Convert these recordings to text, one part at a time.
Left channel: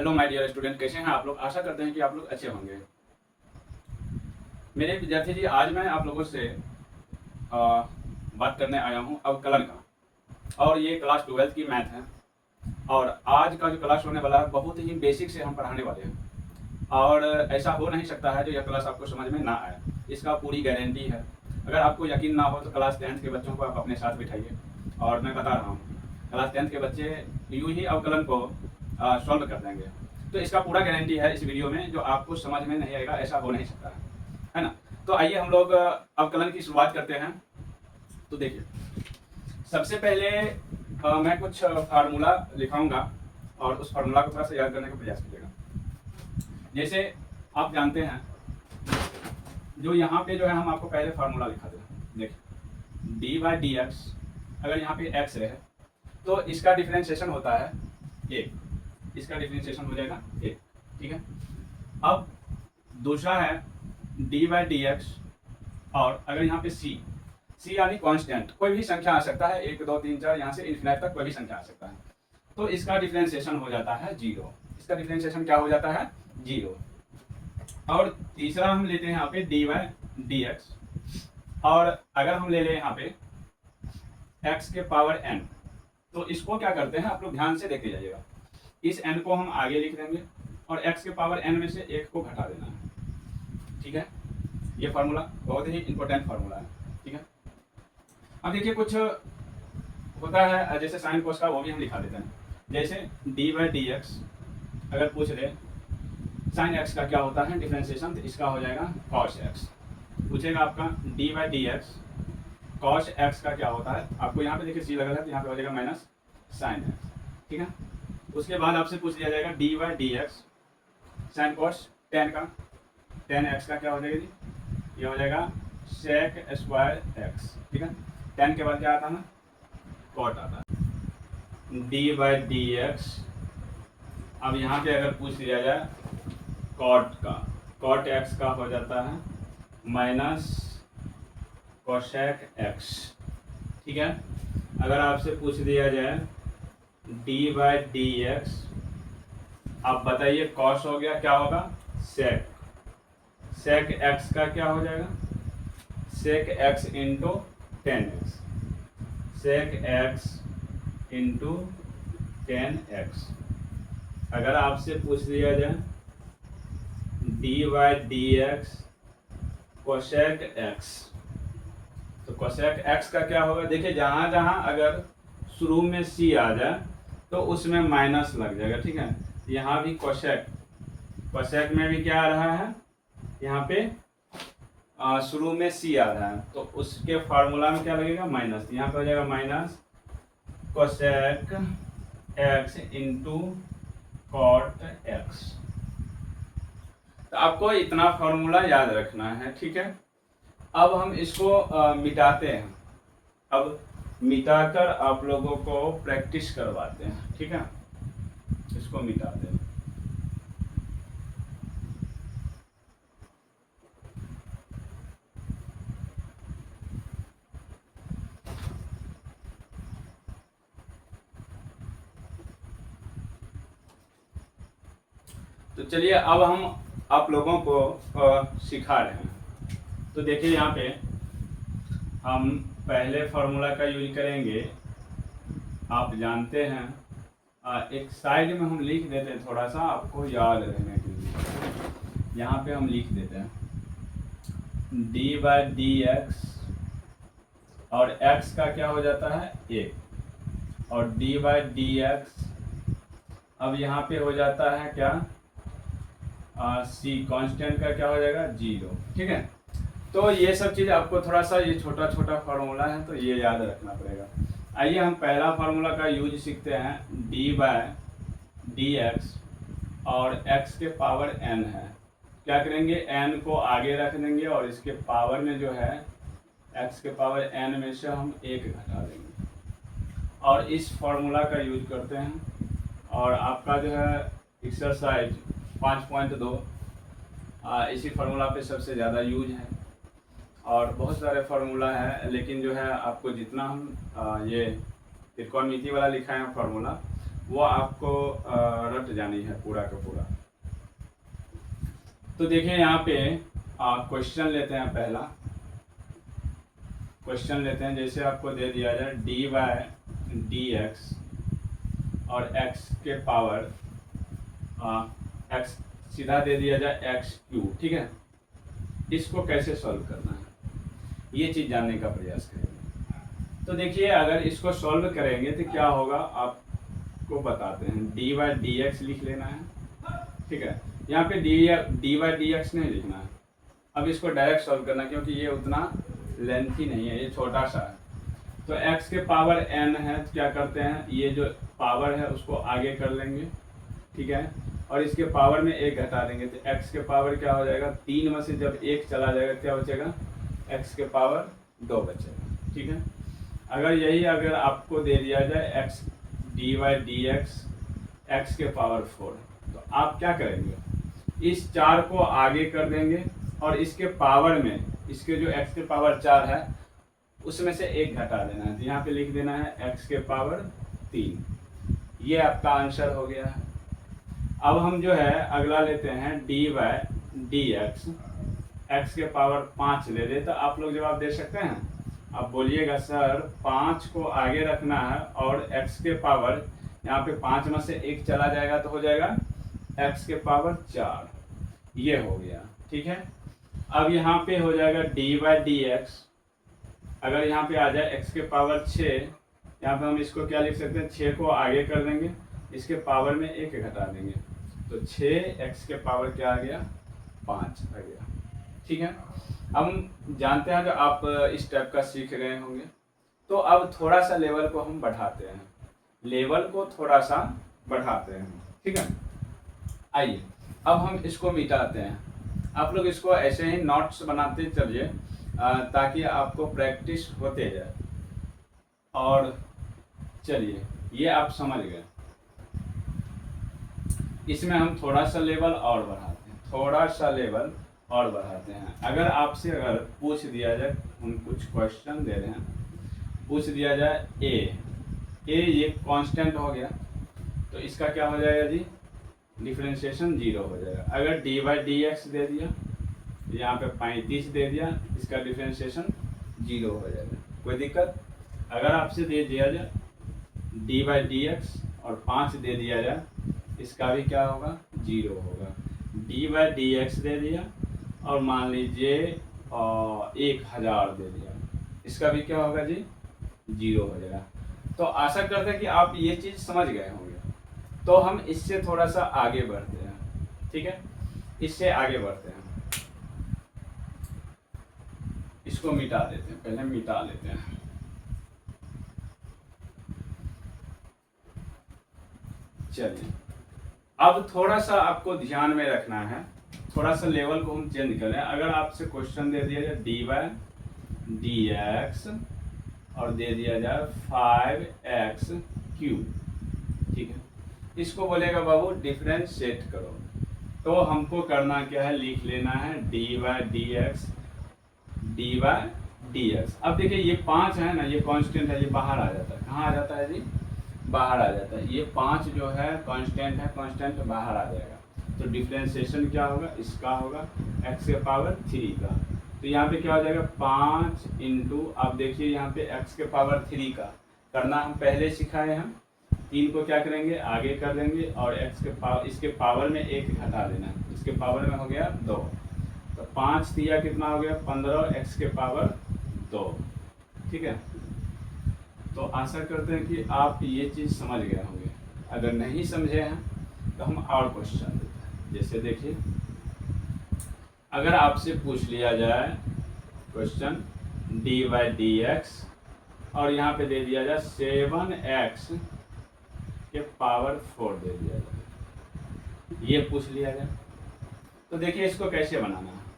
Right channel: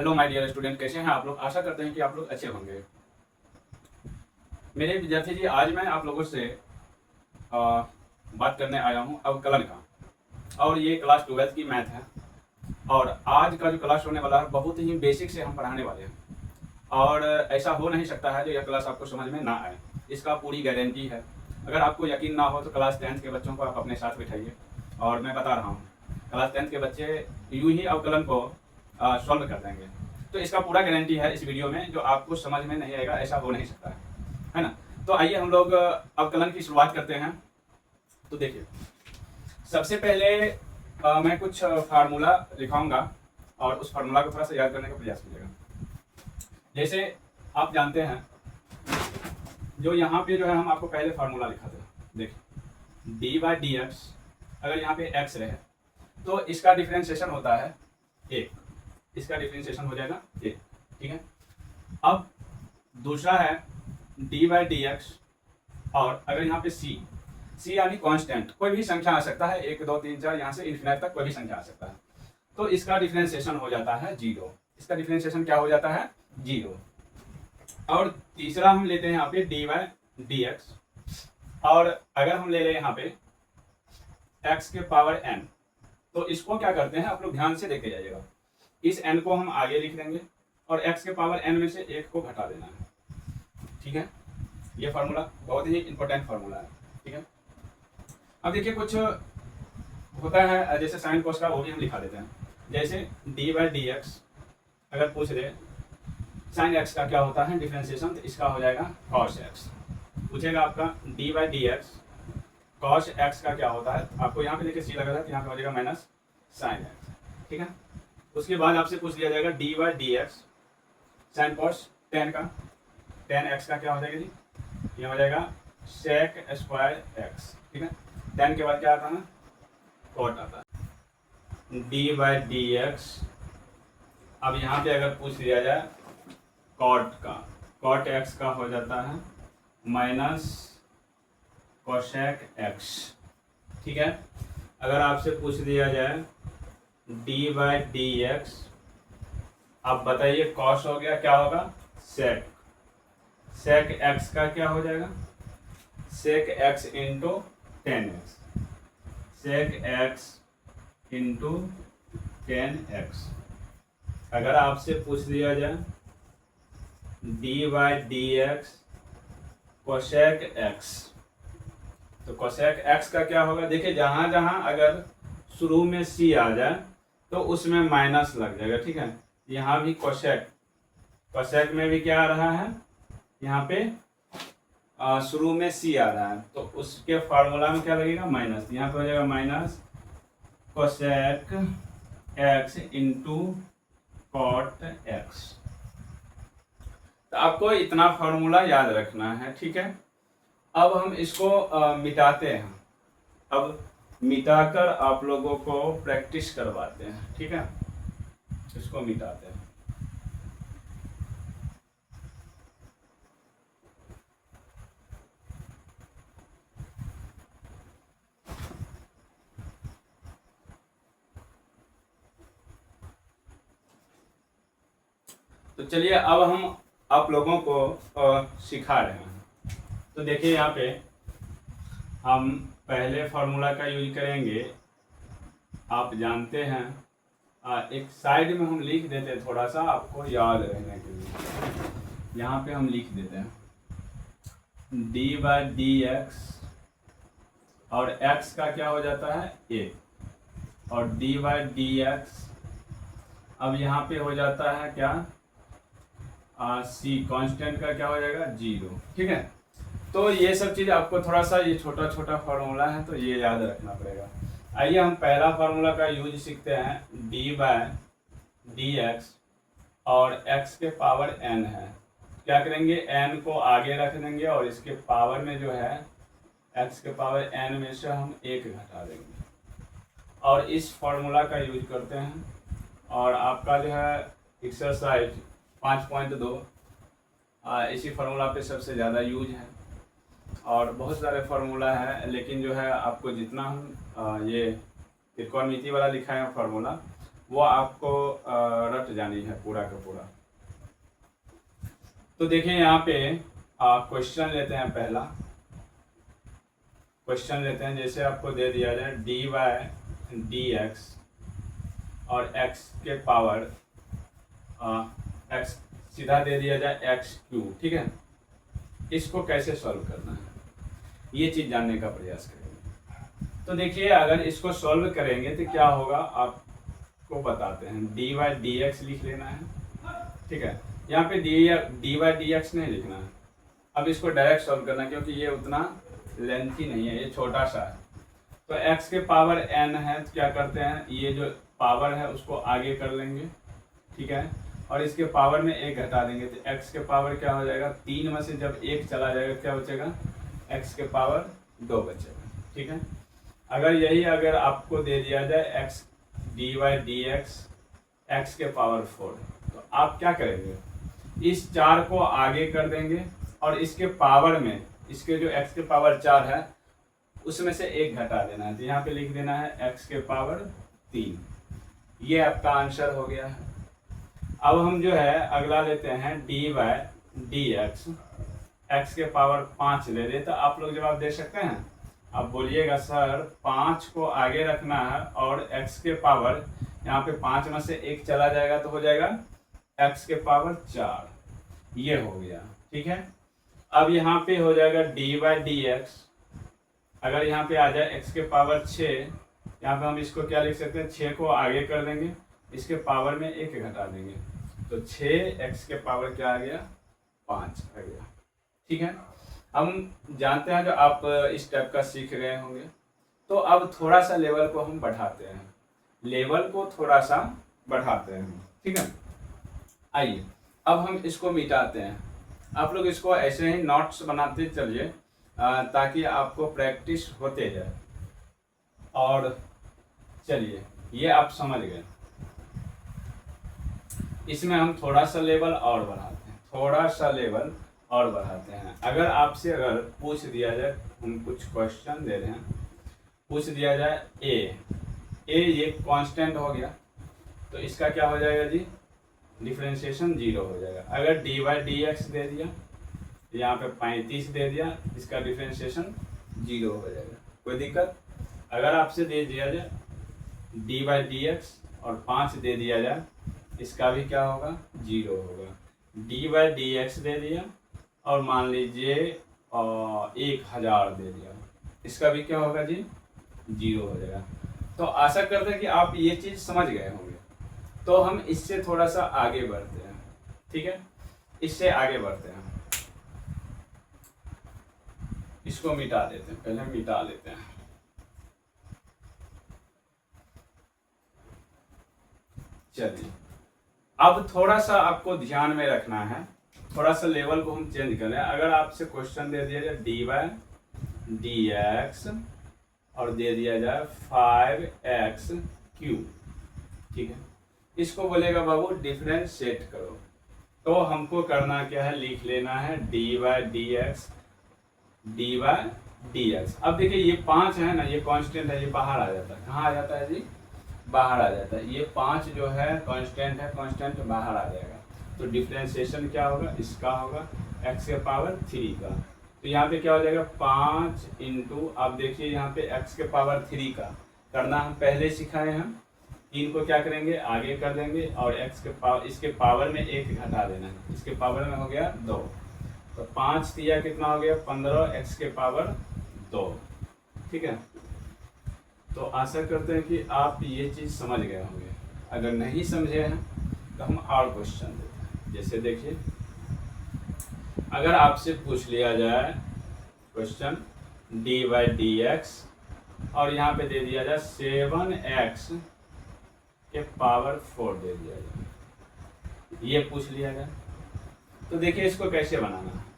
Hello my dear student, कैसे हैं आप लोग। आशा करते हैं कि आप लोग अच्छे होंगे। मेरे विद्यार्थी जी, आज मैं आप लोगों से बात करने आया हूं अवकलन का, और ये क्लास 12 की मैथ है। और आज का जो क्लास होने वाला है बहुत ही बेसिक से हम पढ़ाने वाले हैं, और ऐसा हो नहीं सकता है जो यह क्लास आपको समझ में ना आए, इसका पूरी गारंटी है। अगर आपको यकीन ना हो तो क्लास 10th के बच्चों को आप अपने साथ बिठाइए, और मैं बता रहा हूँ क्लास 10th के बच्चे यूं ही अवकलन को सॉल्व कर देंगे। तो इसका पूरा गारंटी है इस वीडियो में, जो आपको समझ में नहीं आएगा ऐसा हो नहीं सकता है ना। तो आइए हम लोग अवकलन की शुरुआत करते हैं। तो देखिए, सबसे पहले मैं कुछ फार्मूला लिखाऊंगा, और उस फार्मूला को थोड़ा सा याद करने का प्रयास कीजिएगा। जैसे आप जानते हैं, जो यहाँ पे जो है हम आपको पहले फार्मूला लिखाते हैं। देखिए, डी बाई डी एक्स, अगर यहाँ पे एक्स रहे तो इसका डिफ्रेंशिएशन होता है एक, इसका डिफ्रेंशिएशन हो जाएगा एक, ठीक है। अब दूसरा है डी बाई डी एक्स, और अगर यहाँ पे सी, सी यानी कांस्टेंट, कोई भी संख्या आ सकता है, 1 2 3 4 यहाँ से इन्फिनिट तक कोई भी संख्या आ सकता है, तो इसका डिफ्रेंशिएशन हो जाता है जीरो। इसका डिफ्रेंशिएशन क्या हो जाता है? जीरो। और तीसरा हम लेते हैं यहाँ पे डी बाई डी एक्स, और अगर हम ले लें यहाँ पे एक्स के पावर एन, तो इसको क्या करते हैं आप लोग ध्यान से देखे जाइएगा। इस n को हम आगे लिख देंगे, और x के पावर n में से एक को घटा देना है, ठीक है। ये फार्मूला बहुत ही इंपॉर्टेंट फार्मूला है, ठीक है। अब देखिए, कुछ होता है जैसे साइन कोस का, वो भी हम लिखा देते हैं। जैसे डी बाई डी एक्स, अगर पूछ रहे साइन एक्स का क्या होता है डिफ्रेंशिएशन, तो इसका हो जाएगा कॉस एक्स। पूछेगा आपका D by D x cos x का क्या होता है, आपको यहाँ पे देखिए सी लगा था, यहाँ पे हो जाएगा माइनस साइन एक्स, ठीक है। उसके बाद आपसे पूछ लिया जाएगा D by D x sine cos ten का, टेन एक्स का क्या हो जाएगा जी, ये हो जाएगा सेक स्क्वायर एक्स, ठीक है। टेन के बाद क्या आता है ना, कॉट आता है। डी बाई डी एक्स, अब यहाँ पे अगर पूछ लिया जाए कॉट का, कॉट एक्स का हो जाता है माइनस कोसेक एक्स, ठीक है। अगर आपसे पूछ दिया जाए डी बाई डी एक्स, अब बताइए कॉस हो गया, क्या होगा सेक, सेक एक्स का क्या हो जाएगा, sec x into ten x, sec x into ten x. अगर आपसे पूछ लिया जाए d by D x cosec x, तो कोसेक एक्स का क्या होगा, देखिए जहाँ जहाँ अगर शुरू में सी आ जाए तो उसमें माइनस लग जाएगा, ठीक है। यहाँ भी कोसेक, कोसेक में भी क्या आ रहा है, यहाँ पे शुरू में सी आ रहा है, तो उसके फार्मूला में क्या लगेगा माइनस, यहाँ पे हो जाएगा minus cosec x into cot x. तो आपको इतना फार्मूला याद रखना है, ठीक है। अब हम इसको मिटाते हैं, अब मिटाकर आप लोगों को प्रैक्टिस करवाते हैं, ठीक है। इसको मिटाते हैं। तो चलिए, अब हम आप लोगों को सिखा रहे हैं। तो देखिए, यहाँ पे हम पहले फार्मूला का यूज करेंगे। आप जानते हैं, एक साइड में हम लिख देते हैं, थोड़ा सा आपको याद रहने के लिए। यहाँ पे हम लिख देते हैं डी बाई डी एक्स, और एक्स का क्या हो जाता है ए, और डी बाई डी एक्स, अब यहाँ पे हो जाता है क्या, सी कांस्टेंट का क्या हो जाएगा जीरो, ठीक है। तो ये सब चीज़ आपको थोड़ा सा, ये छोटा छोटा फार्मूला है तो ये याद रखना पड़ेगा। आइए हम पहला फार्मूला का यूज सीखते हैं। डी बाई डी एक्स, और एक्स के पावर एन है, क्या करेंगे एन को आगे रख देंगे, और इसके पावर में जो है एक्स के पावर एन में से हम एक घटा देंगे, और इस फार्मूला का यूज करते हैं। और आपका जो है एक्सरसाइज 5.2 इसी फार्मूला पे सबसे ज़्यादा यूज है, और बहुत सारे फार्मूला है, लेकिन जो है आपको जितना हम ये त्रिकोणमिति वाला लिखा है फार्मूला, वो आपको रट जानी है पूरा का पूरा। तो देखिए यहाँ पे क्वेश्चन लेते हैं। पहला क्वेश्चन लेते हैं, जैसे आपको दे दिया जाए डी वाई डी एक्स और एक्स के पावर एक्स सीधा दे दिया जाए एक्स क्यू, ठीक है। इसको कैसे सॉल्व करना है ये चीज़ जानने का प्रयास करेंगे। तो देखिए अगर इसको सॉल्व करेंगे तो क्या होगा आपको बताते हैं। डी वाई डी एक्स लिख लेना है, ठीक है। यहाँ पे डी वाई डी एक्स नहीं लिखना है। अब इसको डायरेक्ट सॉल्व करना है क्योंकि ये उतना लेंथी नहीं है, ये छोटा सा है। तो x के पावर n है तो क्या करते हैं, ये जो पावर है उसको आगे कर लेंगे, ठीक है। और इसके पावर में एक घटा देंगे तो x के पावर क्या हो जाएगा, 3 में से जब एक चला जाएगा क्या बचेगा, x के पावर 2 बचेगा, ठीक है। अगर आपको दे दिया जाए x d y d x के पावर 4, तो आप क्या करेंगे, इस 4 को आगे कर देंगे और इसके पावर में इसके जो x के पावर 4 है उसमें से एक घटा देना है। तो यहाँ पे लिख देना है x के पावर 3। ये आपका आंसर हो गया है। अब हम जो है अगला लेते हैं डी वाई डी एक्स के पावर 5 ले ले। तो आप लोग जवाब दे सकते हैं। अब बोलिएगा सर 5 को आगे रखना है और x के पावर यहाँ पे 5 में से एक चला जाएगा तो हो जाएगा x के पावर 4, ये हो गया, ठीक है। अब यहाँ पे हो जाएगा डी वाई डी एक्स, अगर यहाँ पे आ जाए x के पावर 6, यहाँ पे हम इसको क्या लिख सकते हैं, 6 को आगे कर देंगे, इसके पावर में एक घटा देंगे तो 6x के पावर क्या आ गया, 5 आ गया, ठीक है। अब हम जानते हैं कि आप इस टाइप का सीख रहे होंगे। तो अब थोड़ा सा लेवल को हम बढ़ाते हैं, लेवल को थोड़ा सा बढ़ाते हैं, ठीक है। आइए अब हम इसको मिटाते हैं। आप लोग इसको ऐसे ही नोट्स बनाते चलिए ताकि आपको प्रैक्टिस होते जाए। और चलिए ये आप समझ गए। इसमें हम थोड़ा सा लेवल और बढ़ाते हैं, थोड़ा सा लेवल और बढ़ाते हैं। अगर पूछ दिया जाए, हम कुछ क्वेश्चन दे रहे हैं, पूछ दिया जाए ए ये कांस्टेंट हो गया तो इसका क्या हो जाएगा जी, डिफरेंशिएशन 0 हो जाएगा। अगर डी वाई डी एक्स दे दिया, यहाँ पे 35 दे दिया, इसका डिफरेंशिएशन 0 हो जाएगा, कोई दिक्कत। अगर आपसे दे दिया जाए डी वाई डी एक्स और 5 दे दिया जाए, इसका भी क्या होगा, 0 होगा। डी वाई डी एक्स दे दिया और मान लीजिए 1000 दे दिया, इसका भी क्या होगा जी, 0 हो जाएगा। तो आशा करते हैं कि आप ये चीज़ समझ गए होंगे। तो हम इससे थोड़ा सा आगे बढ़ते हैं, ठीक है, इससे आगे बढ़ते हैं। इसको मिटा देते हैं, पहले मिटा लेते हैं। चलिए अब थोड़ा सा आपको ध्यान में रखना है, थोड़ा सा लेवल को हम चेंज कर लें। अगर आपसे क्वेश्चन दे दिया जाए डी वाई डी एक्स और दे दिया जाए 5x क्यूब, ठीक है, इसको बोलेगा बाबू डिफरेंशिएट करो। तो हमको करना क्या है, लिख लेना है डी वाई डी एक्स अब देखिए ये 5 है ना, ये कांस्टेंट है, ये बाहर आ जाता है। कहाँ आ जाता है जी, बाहर आ जाता है। ये 5 जो है कांस्टेंट है, कांस्टेंट बाहर आ जाएगा। तो डिफरेंशिएशन क्या होगा, इसका होगा x के पावर 3 का। तो यहाँ पे क्या हो जाएगा 5 इंटू, अब देखिए यहाँ पे x के पावर 3 का करना हम पहले सिखाए। हम 3 को क्या करेंगे, आगे कर देंगे और x के पावर, इसके पावर में 1 घटा देना है, इसके पावर में हो गया 2। तो 5 दिया कितना हो गया, 15 x के पावर 2, ठीक है। तो आशा करते हैं कि आप ये चीज़ समझ गए होंगे। अगर नहीं समझे हैं तो हम और क्वेश्चन देते हैं। जैसे देखिए अगर आपसे पूछ लिया जाए question d y d x और यहाँ पे दे दिया जाए 7x के पावर 4 दे दिया जाए, ये पूछ लिया जाए, तो देखिए इसको कैसे बनाना है।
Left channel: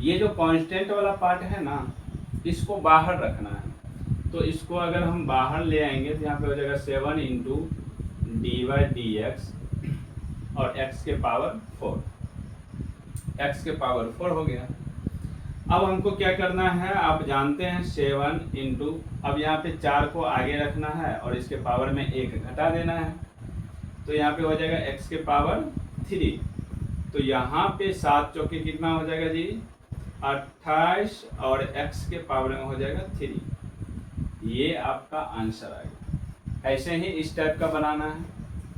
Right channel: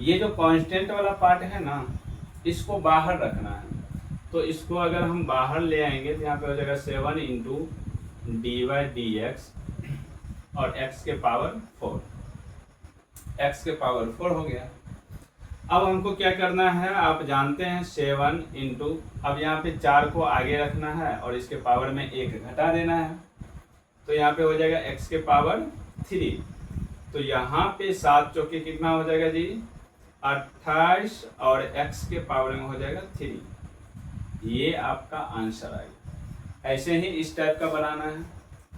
ये जो कांस्टेंट वाला पार्ट है ना, इसको बाहर रखना है। तो इसको अगर हम बाहर ले आएंगे तो यहाँ पे हो जाएगा 7 into d y d x और x के पावर 4, x के पावर 4 हो गया। अब हमको क्या करना है, आप जानते हैं 7 इंटू, अब यहाँ पे 4 को आगे रखना है और इसके पावर में 1 घटा देना है। तो यहाँ पे हो जाएगा x के पावर 3। तो यहाँ पे 7 चौके कितना हो जाएगा जी 28 और x के पावर में हो जाएगा 3। ये आपका आंसर आ गया। ऐसे ही इस टाइप का बनाना है।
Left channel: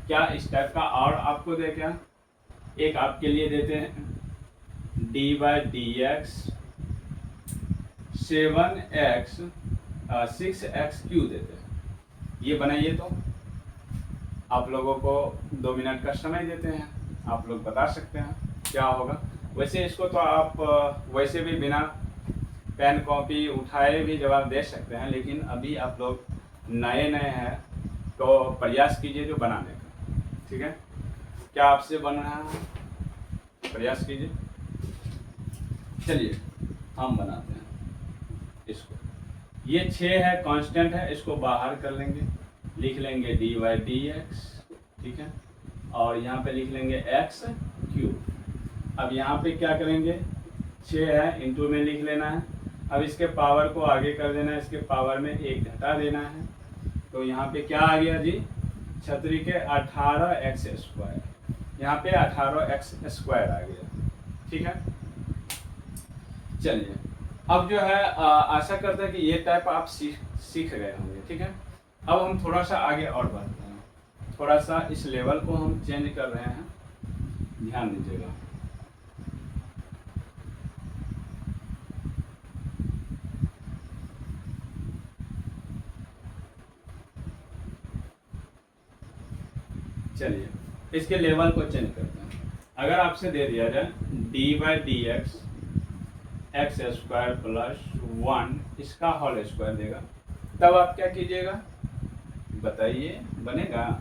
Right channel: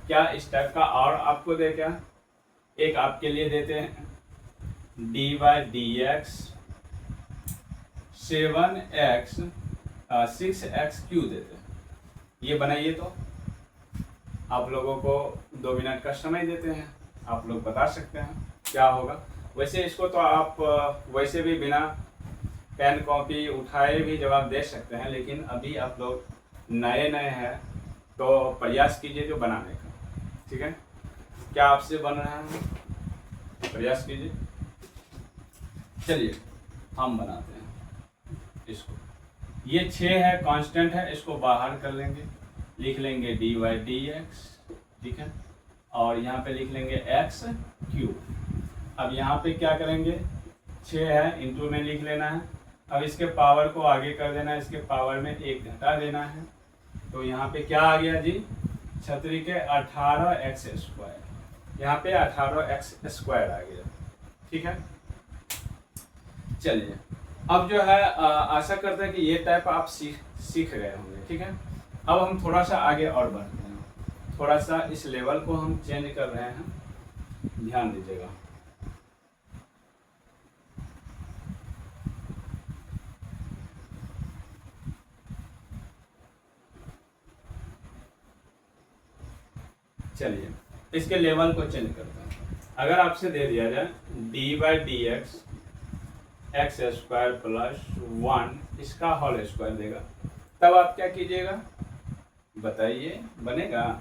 क्या इस टाइप का और आपको दे क्या, एक आपके लिए देते हैं dy/dx 7x 6x क्यू देते हैं। ये बनाइए तो आप लोगों को 2 मिनट का समय देते हैं, आप लोग बता सकते हैं क्या होगा। वैसे इसको तो आप वैसे भी बिना पेन कॉपी उठाए भी जवाब दे सकते हैं, लेकिन अभी आप लोग नए हैं तो प्रयास कीजिए जो बनाने का, ठीक है। क्या आपसे बन रहा है, प्रयास कीजिए। चलिए हम बनाते हैं इसको। ये 6 है, कांस्टेंट है, इसको बाहर कर लेंगे, लिख लेंगे dy/dx, ठीक है। और यहाँ पे लिख लेंगे x क्यूब। अब यहाँ पे क्या करेंगे, 6 है इंटू में लिख लेना है। अब इसके पावर को आगे कर देना है, इसके पावर में 1 घटा देना है। तो यहाँ पे क्या आ गया जी, छतरी के 18x², यहाँ पे 18x² आ गया, ठीक है। चलिए अब जो है आशा करते हैं कि ये टाइप आप सीख गए होंगे, ठीक है। अब हम थोड़ा सा आगे और बढ़ते हैं, थोड़ा सा इस लेवल को हम चेंज कर रहे हैं, ध्यान दीजिएगा। चलिए इसके लेवल को चेंज करते हैं। अगर आपसे दे दिया जाए dy/dx x² + 1 इसका होल स्क्वायर देगा, तब आप क्या कीजिएगा बताइए, बनेगा?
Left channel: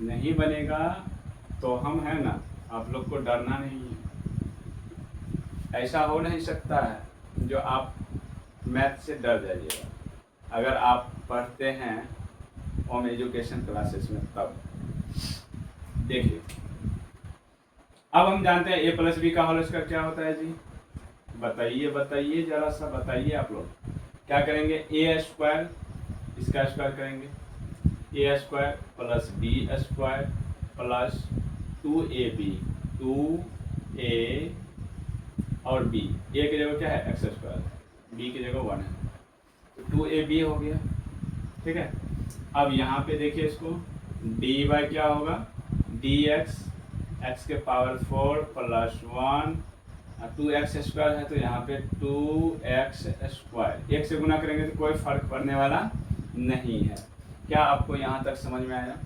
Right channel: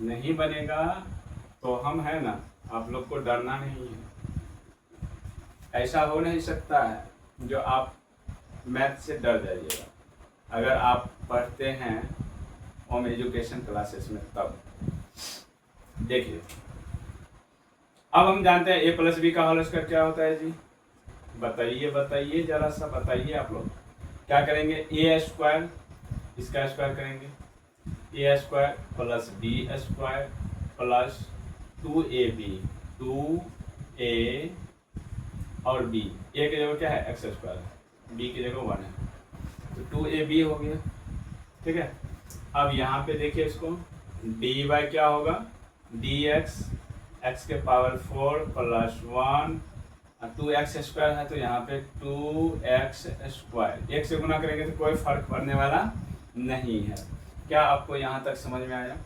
नहीं बनेगा तो हम है ना, आप लोग को डरना नहीं है। ऐसा हो नहीं सकता है जो आप मैथ से डर जाइएगा। अगर आप पढ़ते हैं होम एजुकेशन क्लासेस में तब देखिए। अब हम जानते हैं a + b का होल स्क्वायर क्या होता है जी, बताइए जरा सा बताइए। आप लोग क्या करेंगे, a² इसका स्क्वायर करेंगे, a² + b² + 2ab, 2a और b, a की जगह क्या है x², b की जगह 1 है, तो 2ab हो गया, ठीक है। अब यहाँ पे देखिए इसको dy क्या होगा, dx x के पावर 4 + 1, 2x² है तो यहाँ पे 2x², 1 से गुना करेंगे तो कोई फर्क पड़ने वाला नहीं है। क्या आपको यहाँ तक समझ में आया?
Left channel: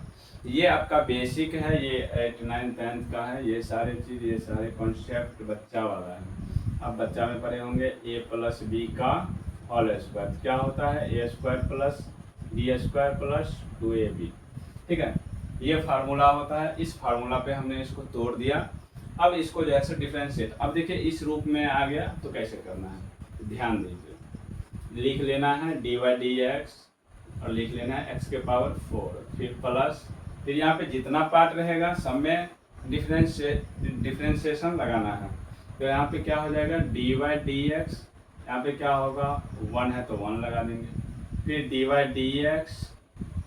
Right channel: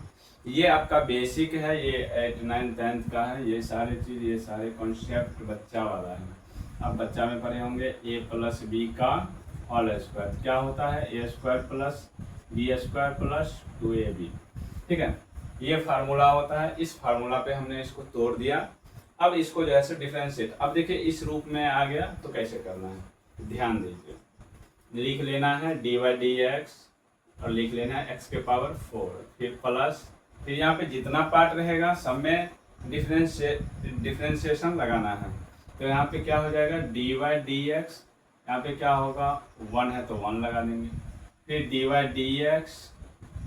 ये आपका बेसिक है, ये 8th 9th 10th का है, ये सारे चीज़, ये सारे कॉन्सेप्ट बच्चा वाला है। अब बच्चा में पढ़े होंगे a + b का होल स्क्वायर क्या होता है, a² + b² + 2ab, ठीक है। ये फार्मूला होता है, इस फार्मूला पे हमने इसको तोड़ दिया। अब इसको जो है डिफरेंशिएट, अब देखिए इस रूप में आ गया तो कैसे करना है, ध्यान दीजिए। लिख लेना है dy/dx और लिख लेना है x के पावर 4, फिर प्लस, फिर यहाँ पे जितना पार्ट रहेगा सब में डिफरेंशिएशन लगाना है। तो यहाँ पे क्या हो जाएगा dy/dx, यहाँ पे क्या होगा 1 है तो 1 लगा देंगे, फिर dy/dx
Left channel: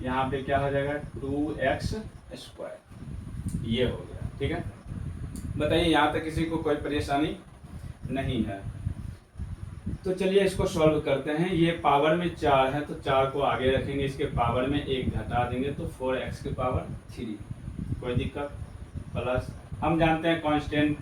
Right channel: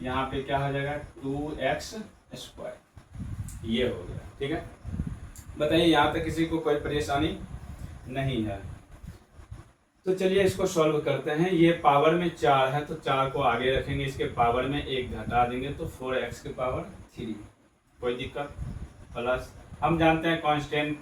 यहाँ पे क्या हो जाएगा 2x², ये हो गया, ठीक है। बताइए यहाँ तक किसी को कोई परेशानी नहीं है? तो चलिए इसको सॉल्व करते हैं। ये पावर में 4 है तो 4 को आगे रखेंगे, इसके पावर में 1 घटा देंगे तो 4x के पावर 3, कोई दिक्कत। प्लस हम जानते हैं कांस्टेंट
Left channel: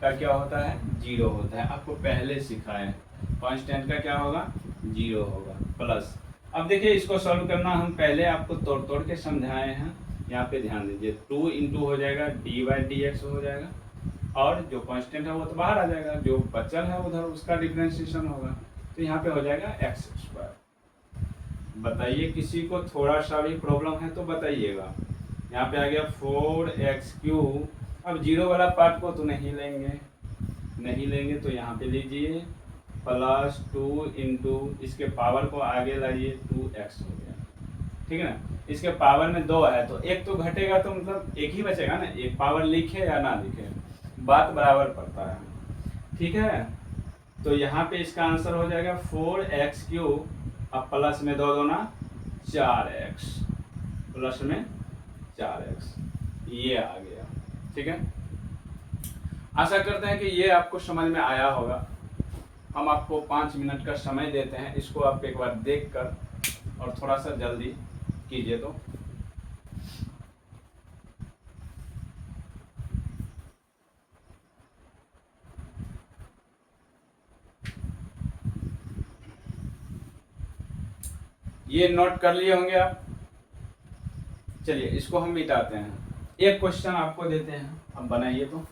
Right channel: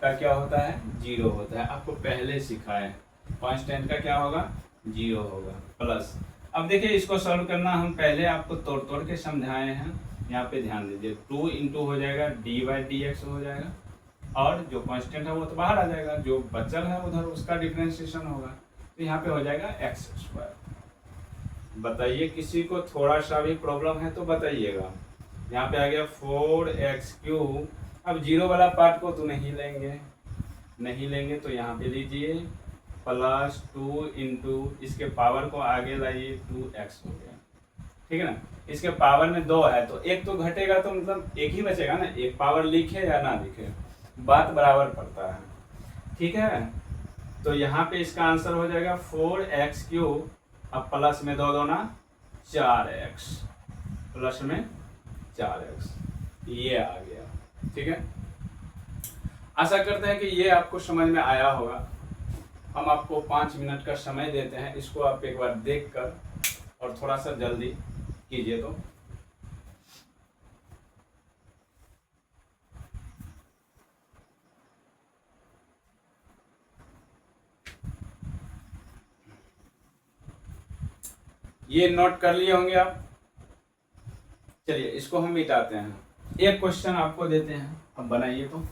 का क्या होता है, 0 होता है, आपको पहले सिखाए कांस्टेंट का क्या होगा, 0 होगा। प्लस अब देखिए इसको सॉल्व करना हम पहले आपको तोड़ तोड़ के समझाए हैं, यहाँ पे ध्यान दीजिए। 2 इंटू हो जाएगा dy/dx हो जाएगा, और जो कांस्टेंट है वो तो बाहर आ जाएगा, जो बचल है उधर उसका डिफरेंशिएशन होगा, तो यहाँ पे हो जाएगा x²। बताइए किसी को थोड़ा सा भी प्रॉब्लम है तो बताइएगा। यहाँ पे आ गया 4x3। अब 0 वाला पार्ट को तो नहीं लेंगे तो यहाँ पे लीजिए +2 इंटू इसके पावर को आगे लाइए 2x हो गया, ठीक है ना। इसके पावर में 2 है तो 1 तो घटेगा तो मतलब 1 ही बचेगा ना, एक पावर लिखे या ना लिखे बात बराबर पड़ता है, ठीक है। तो यहाँ पे इसका आंसर हो जाएगा 4x3, अब प्लस में 2 2 ना 4x, प्लस में 4x। ये आ गया। ठीक है, आशा करते हैं कि ये आपको समझ में आया होगा। हम आपको 5 मिनट का समय देते हैं, इसको आप एक बार देख कर और थोड़ा सा जल्दी कीजिए। तो ये नोट कर लिए होंगे आप। चलिए इसको हम मिटाते हैं। एक क्वेश्चन आपको देते हैं, अब बनाइए। तो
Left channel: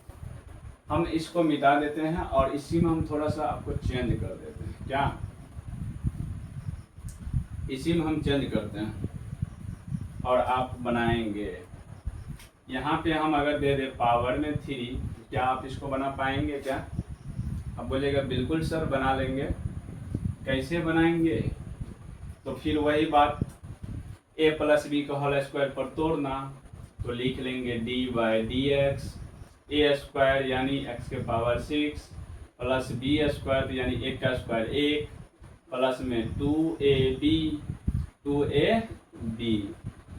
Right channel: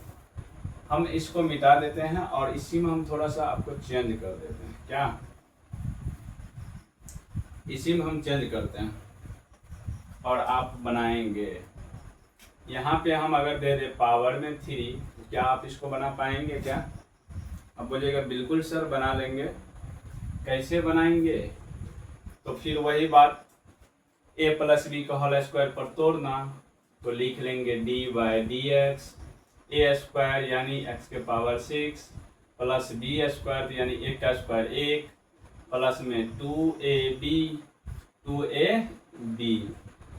हम इसको मिटा देते हैं और इसी में हम थोड़ा सा आपको चेंज कर देते हैं। क्या इसी में हम चेंज करते हैं और आप बनाएंगे। यहाँ पे हम अगर दे दे पावर में 3, क्या आप इसको बना पाएंगे क्या? अब बोलिएगा बिल्कुल सर बना लेंगे। कैसे बनाएंगे? तो फिर वही बात, a प्लस बी का होल स्क्वायर पर तोड़ना। तो लिख लेंगे D by D x A square यानी x के पावर 6 प्लस बी स्क्वायर यानी 1 का स्क्वायर 1 प्लस में 2ab।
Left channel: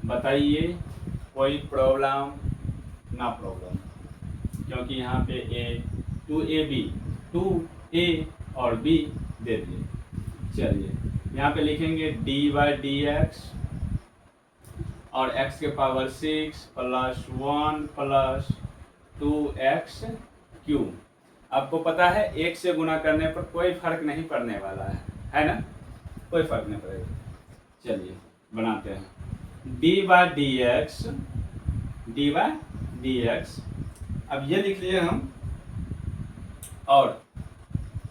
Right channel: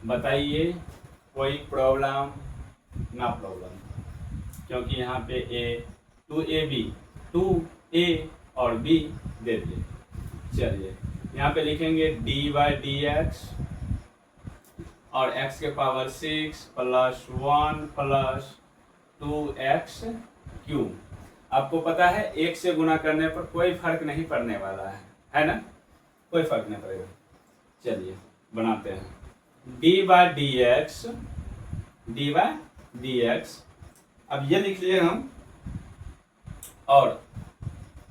बताइए कोई प्रॉब्लम? ना प्रॉब्लम, क्योंकि यहाँ पे a 2a और b दे दिए। चलिए यहाँ पे लिखेंगे d बाई डी एक्स और x के power 6 plus 1 plus 2x cube. आपको पता है 1 से गुना करने पर कोई फर्क नहीं पड़ने वाला है ना? कोई फर्क नहीं पड़ेगा। चलिए बनाते हैं d बाई डी एक्स। अब ये लिख लिए हम, और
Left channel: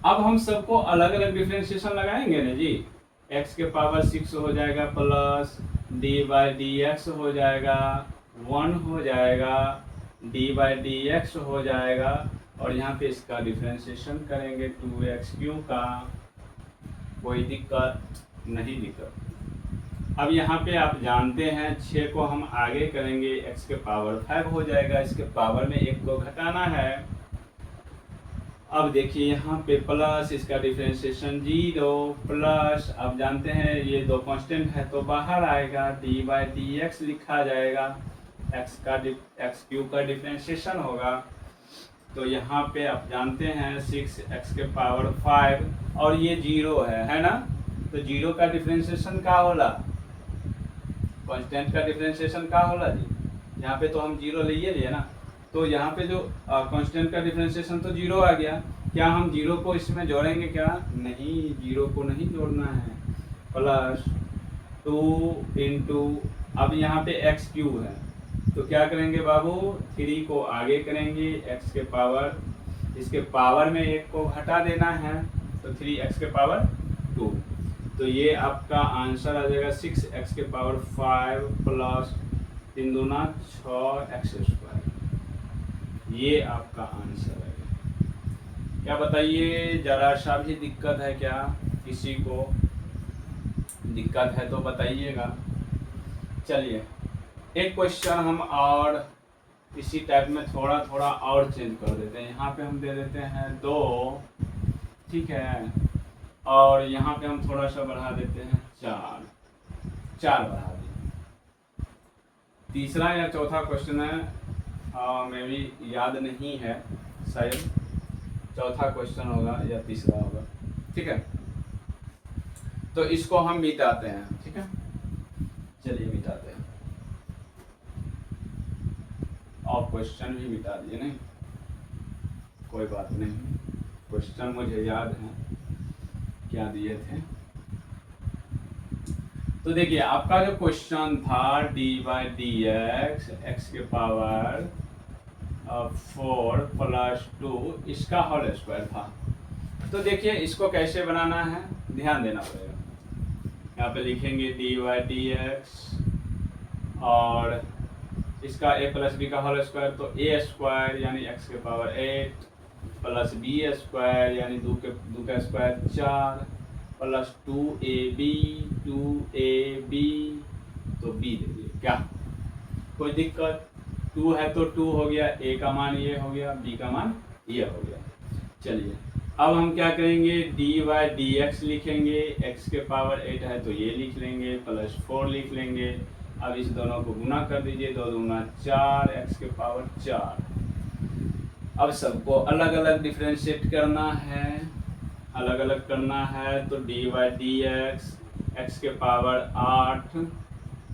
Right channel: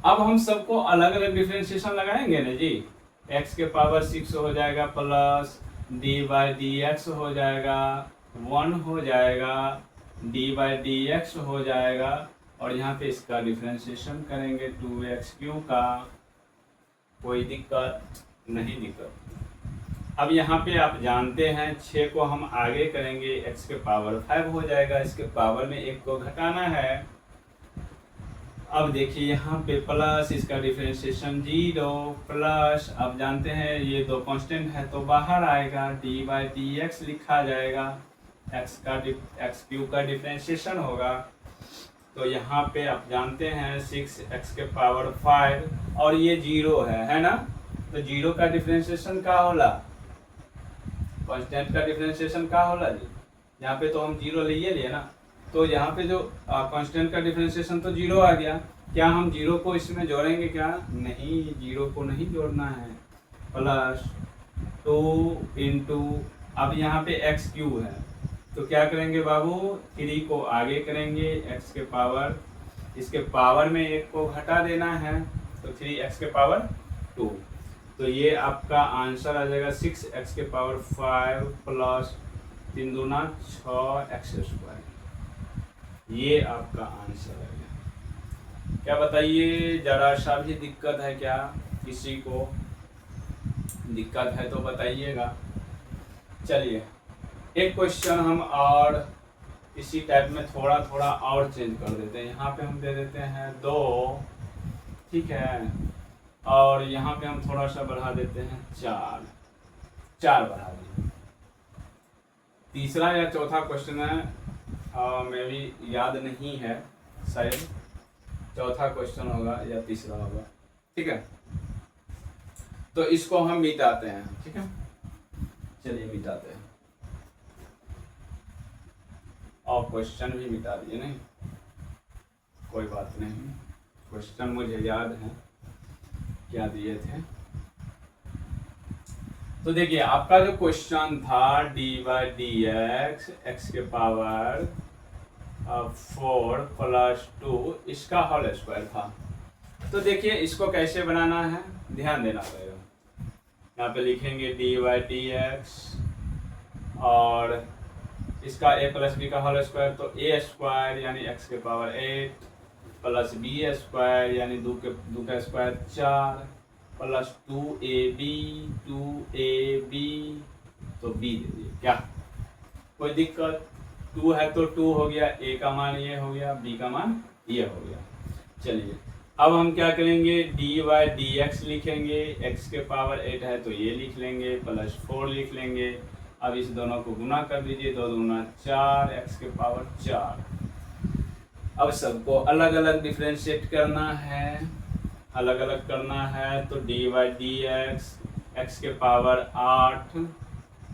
अब हम सबको अलग अलग डिफ्रेंशिएशन लगाएंगे ना जी। x के पावर 6 हो जाएगा plus d by D x हो जाएगा 1 हो जाएगा, d बाई डी एक्स हो जाएगा, और यहाँ पे इसका डिफ्रेंशिएशन करेंगे 2x क्यूब का। कोई दिक्कत नहीं? दिक्कत। अब यहाँ पे आप जानते हैं 6 को हम आगे करेंगे x के पावर 5 हो जाएगा, इसके पावर में 1 को घटाना है। अब देखिए यहाँ पे प्लस इसका डिफरेंशिएशन 0 प्लस, अब जानते हैं ये दो कांस्टेंट है तो बाहर आएगा, d बाई डी एक्स लिखा जाएगा, x क्यूब का डिफरेंशिएशन होगा। तो यहाँ पे आप जानते हैं 6x के पावर 5 और ये 0 है ना? तो 0 का डिफरेंशिएशन का होला, कांस्टेंट का डिफरेंशिएशन का होला जी। यहाँ पे तो हम 0 लिए ना, तो यहाँ पे जो कांस्टेंट का डिफरेंशिएशन तो 0 आ गया। क्या हम 0 को इसमें जोड़ेंगे क्या? नहीं, 0 को नहीं जोड़ना है। प्लस 2 इंटू, अब यहाँ पे x क्यूब है तो क्या करेंगे बाबू, 3 को आगे करेंगे, x के पावर, इसके पावर में 1 को घटा देना है तो 3x के पावर 2। तो ये आपका आंसर आ जाएगा 6x के पावर 5 प्लस 3 दूना 6x स्क्वायर। ये आपका आंसर है। क्या बताइए, जरा सा भी दिक्कत है क्या? किसी को दिक्कत है तो बताइएगा। चलिए एक क्वेश्चन हम और इसी टाइप में थोड़ा थोड़ा और चेंज कर देते हैं। यहाँ पे हम दे देते हैं 2, ठीक है, और यहाँ पे हम थोड़ा सा बढ़ा देते हैं 4 बढ़ा दिए। तीसरा या चौथा क्वेश्चन है, मैं भी याद नहीं है, शायद चौथा क्वेश्चन होगा या तीसरा होगा, ठीक है। तो इसको हम मिटाते हैं, ठीक है। चलिए मिटाते हैं, और क्वेश्चन भी मिटा दिए। नहीं कोई बात नहीं, क्वेश्चन मुझे याद है क्या दिए थे। तो देखिए आपका जो क्वेश्चन था D by D X, X के पावर 4 प्लस 2 इसका होल स्क्वायर था। तो देखिए इसको कैसे बनाना है, ध्यान देना पड़ेगा। यहाँ पे लिखेंगे डी बाई डी एक्स और इसका a प्लस बी का होल स्क्वायर, तो a स्क्वायर यानी x के पावर 8 प्लस बी स्क्वायर यानी 2 का स्क्वायर 4 प्लस 2ab तो b दे दिए। क्या कोई दिक्कत? 2 है तो 2 हो गया, a का मान ये हो गया, b का मान ये हो गया। चलिए अब हम क्या करेंगे, डी बाई डी एक्स लिखेंगे, x के पावर 8 है तो ये लिख लेंगे, प्लस 4 लिख लेंगे, अब इस दोनों को गुना कर दीजिए, 2 दूना 4 x के पावर 4। अब सबको अलग अलग डिफ्रेंशिएट करना है, अलग अलग करना है, तो डी बाई डी एक्स के पावर 8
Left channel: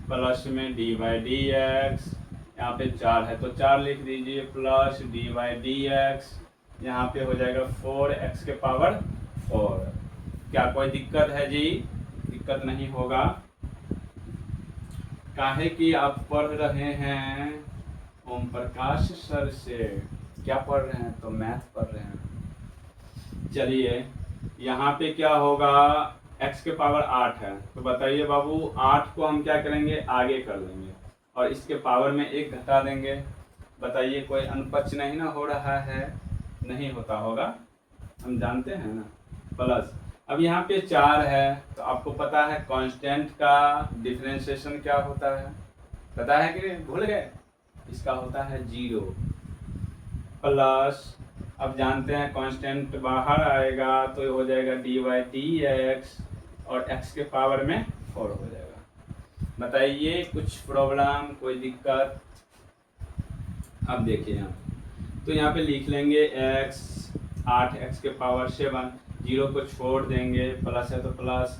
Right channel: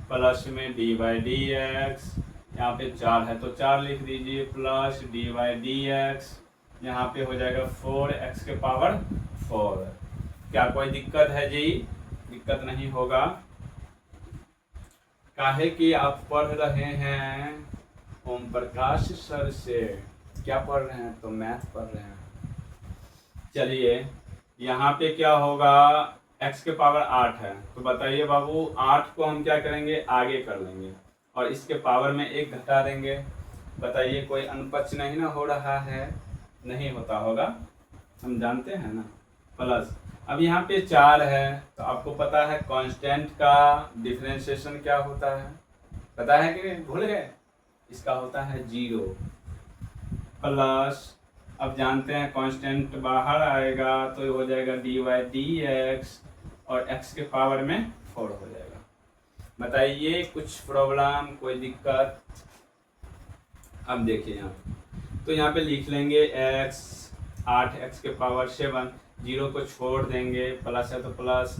प्लस में डी बाई डी एक्स, यहाँ पे 4 है तो 4 लिख दीजिए, plus D by D X, यहाँ पे हो जाएगा 4x के पावर 4। क्या कोई दिक्कत है जी? दिक्कत नहीं होगा, काहे कि आप पढ़ रहे हैं ओम प्रकाश सर से। क्या पढ़ रहे हैं? तो मैथ पढ़ रहे हैं। चलिए यहाँ पे क्या होगा, x के पावर 8 है, तो बताइए बाबू 8 को हम क्या करेंगे, आगे कर देंगे और इसके पावर में 1 घटा देंगे। बताइए कोई अनुपच नहीं ना हो रहा है? नहीं होता होगा, हम जानते हैं ना। प्लस अब यहाँ पे 4 है, तो आपको पता है कांस्टेंट का डिफरेंशिएशन क्या होता है, पता है कि नहीं? भूल गए? इसका होता है 0। प्लस अब जानते हैं कांस्टेंट बाहर आएगा तो हो जाएगा डी बाई डी एक्स और x के पावर में 4 हो जाएगा। बताइए कुछ प्रॉब्लम, कोई दिक्कत? अब देखिए यहाँ, तो यहाँ पे लिख लेंगे x 8x के पावर 7, 0 को छोड़ देंगे, प्लस है तो प्लस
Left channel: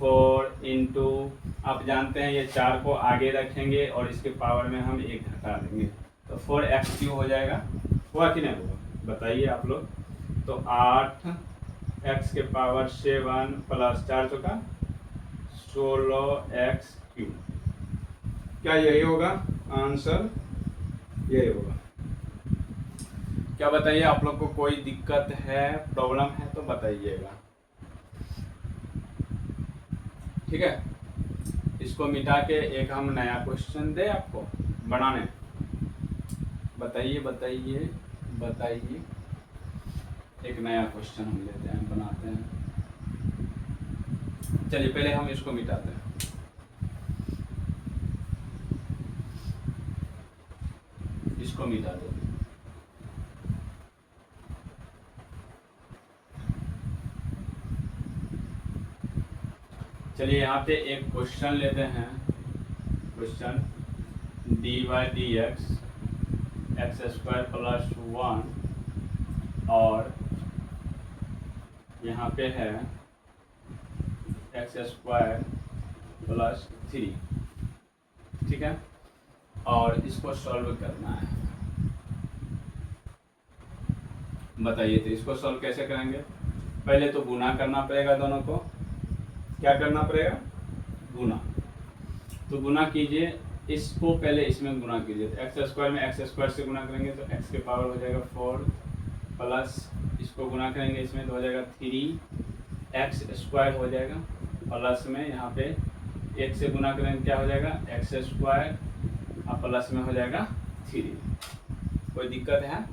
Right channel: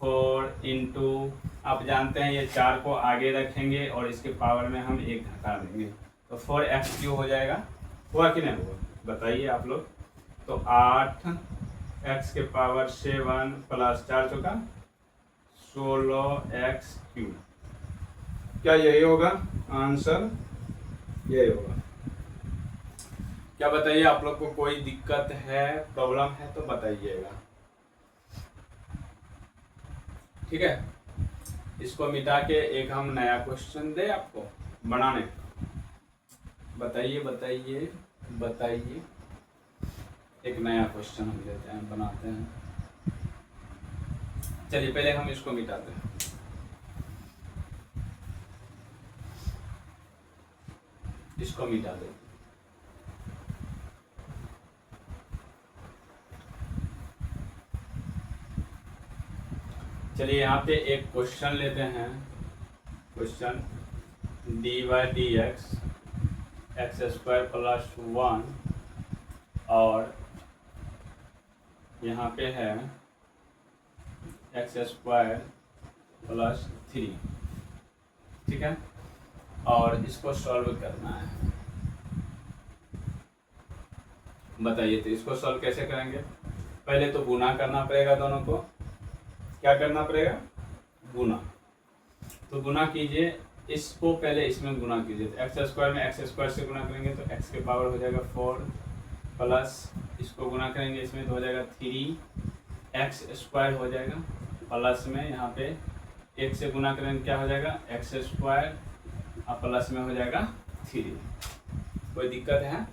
4 इंटू, आप जानते हैं ये 4 को आगे रखेंगे और इसके पावर में हम 1 घटा देंगे, तो 4x क्यू हो जाएगा। हुआ कि नहीं हुआ? बताइए आप लोग। तो 8x के पावर 7 प्लस 4 चौका 16x क्यू, क्या यही होगा आंसर? यही होगा। क्या बताइए आप लोग को कोई दिक्कत है, प्रॉब्लम है तो बताइएगा, ठीक है। इसको मिटा के एक हम नया क्वेश्चन दे आपको बनाने, बताइए बताइए बताइए। एक नया क्वेश्चन हम लेते हैं, बनाते हैं। चलिए पहले हम इसको मिटाते हैं। इसको मिटा देते हैं। चलिए यहाँ पे एक क्वेश्चन लेते हैं, question D by D X x square plus 1 और यहाँ पे है एक्स स्क्वायर प्लस 3, ठीक है, और इसको सॉल्व करना है। बताइए तो इसको सॉल्व कैसे करेंगे? पहले तो गुना करना पड़ेगा, दोनों को क्या करना पड़ेगा? गुना। तो गुना कीजिए, इसको पहले इसमें गुना कीजिए, तो एक्स स्क्वायर में एक्स स्क्वायर से गुना करेंगे तो एक्स के पावर हो जाएगा 4 प्लस इसको गुना करेंगे इसमें तो हो जाएगा 3 एक्स स्क्वायर हो जाएगा, प्लस में यहाँ पे 1 से गुना करेंगे क्या हो जाएगा एक्स स्क्वायर और प्लस में हो जाएगा 3। कोई दिक्कत है?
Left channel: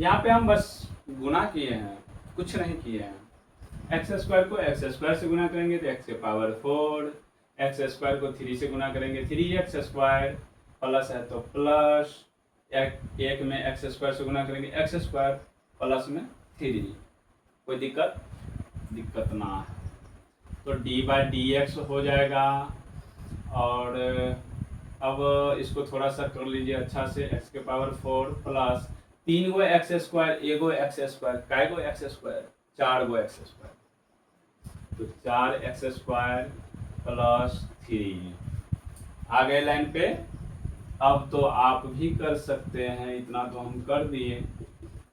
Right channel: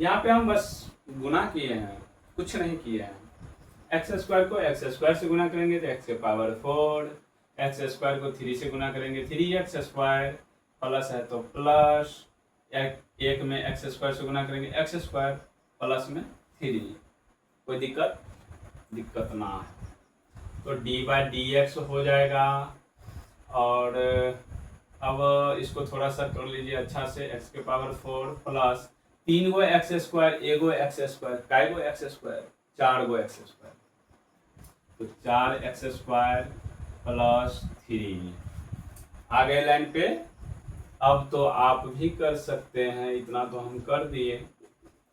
यहाँ पे हम बस गुना किए हैं, कुछ नहीं किए हैं। एक्स स्क्वायर को एक्स स्क्वायर से गुना करेंगे तो एक्स के पावर 4, एक्स स्क्वायर को 3 से गुना करेंगे 3x स्क्वायर, प्लस है तो प्लस एक में एक्स स्क्वायर से गुना करेंगे एक्स स्क्वायर प्लस में 3। कोई दिक्कत? दिक्कत ना है। तो डी बाई डी एक्स हो जाएगा और अब इसको थोड़ा सा कर लीजिए अच्छा से, एक्स के पावर 4 प्लस 3 गो एक्स स्क्वायर, एगो एक्स स्क्वायर, काय गो एक्स स्क्वायर, 4 गो एक्स स्क्वायर, तो 4x स्क्वायर प्लस 3 आ गए लाइन पे। अब तो आप भी कर सकते हैं, इतना तो हम कर दिए,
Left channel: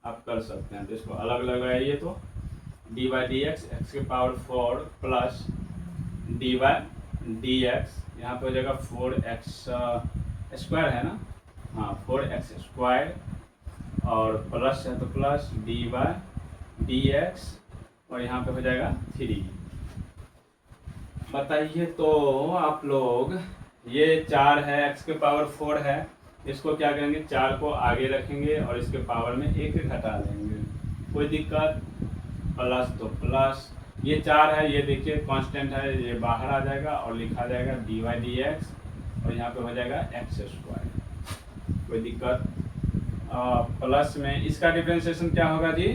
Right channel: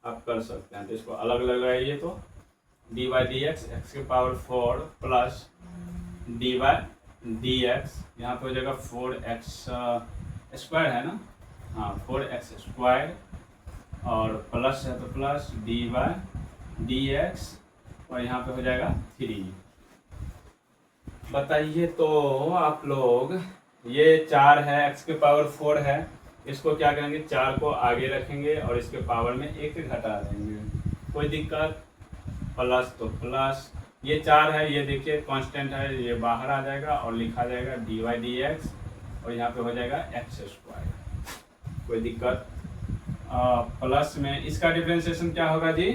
आप कर सकते हैं। तो इसको अलग लगाइए, तो D by D X X के power 4 plus D by D X, यहाँ पे हो जाएगा 4x स्क्वायर है ना, हाँ 4x स्क्वायर और प्लस है तो plus D by D x और यहाँ पे हो जाएगा 3। बताइए तो आप लोग, ये 4 है, x के पावर 4 है, इसको क्या करेंगे 4 को आगे रखेंगे और इसके पावर में 1 घटा देंगे। कोई दिक्कत? प्लस तो प्लस, ये 4 है, ये देखिए कांस्टेंट है, ये बाहर आ जाएगा और लिखा जाएगा डी बाई डी एक्स और यहाँ पे हो जाएगा एक्स स्क्वायर। कोई दिक्कत? प्लस में इसका डिफरेंशिएशन क्या होगा जी?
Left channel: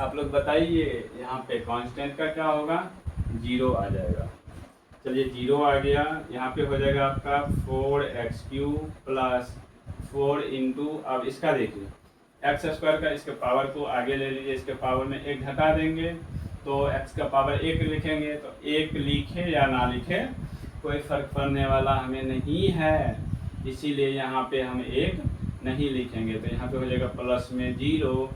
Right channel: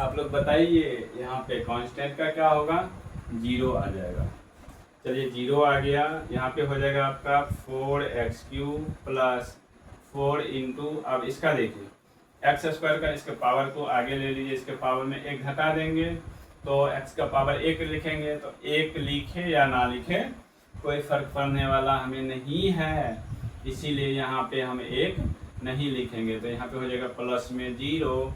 आप लोग बताइए। यहाँ पे कांस्टेंट का क्या होगा? 0 आ जाएगा। चलिए 0 आ गया, यहाँ पे हो जाएगा आपका 4x³ प्लस 4 इंटू, अब इसका देखिए एक्स स्क्वायर का इसके पावर को आगे ले लीजिए, इसके पावर में 1 घटा देंगे तो x का पावर 1 लिखेंगे, तो 1 लिखे या ना लिखे कोई फर्क पड़ने वाला हमें नहीं है, इसीलिए यहाँ पे हम 1 नहीं लिखेंगे। तो यहाँ पे हो जाएगा प्लस में 0,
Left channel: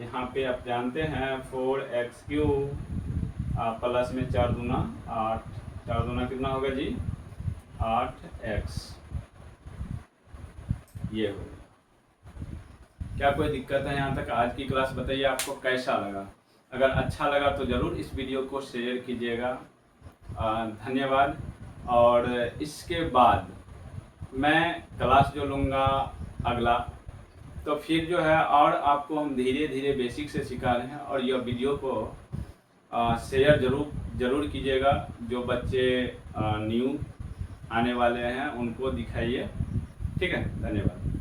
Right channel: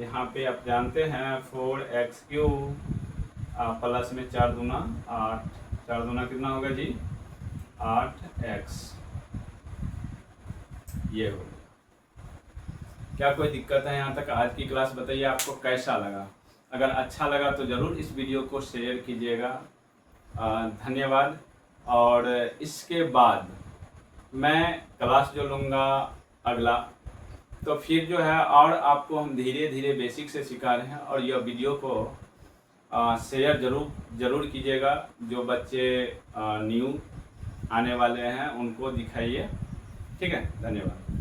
यहाँ पे आप जानते हैं 4x³ प्लस में 4 दूना 8, 4 दूना कितना होगा जी 8x, ये हो। क्या कोई दिक्कत है यहाँ तक? आज की क्लास बताइए आपको कैसा लगा? अगर अच्छा लगा तो ज़रूर इस वीडियो को शेयर कीजिएगा। धन्यवाद। और इसके बाद मैं क्लास जो लूँगा अगला, तो फिर जो है और आपको हम धीरे धीरे बेसिक से सिखा रहे हैं, और यह वीडियो को शेयर ज़रूर कीजिएगा। जो बच्चे न्यू आने वाले हैं उनको दिखाइए, ठीक है। धन्यवाद।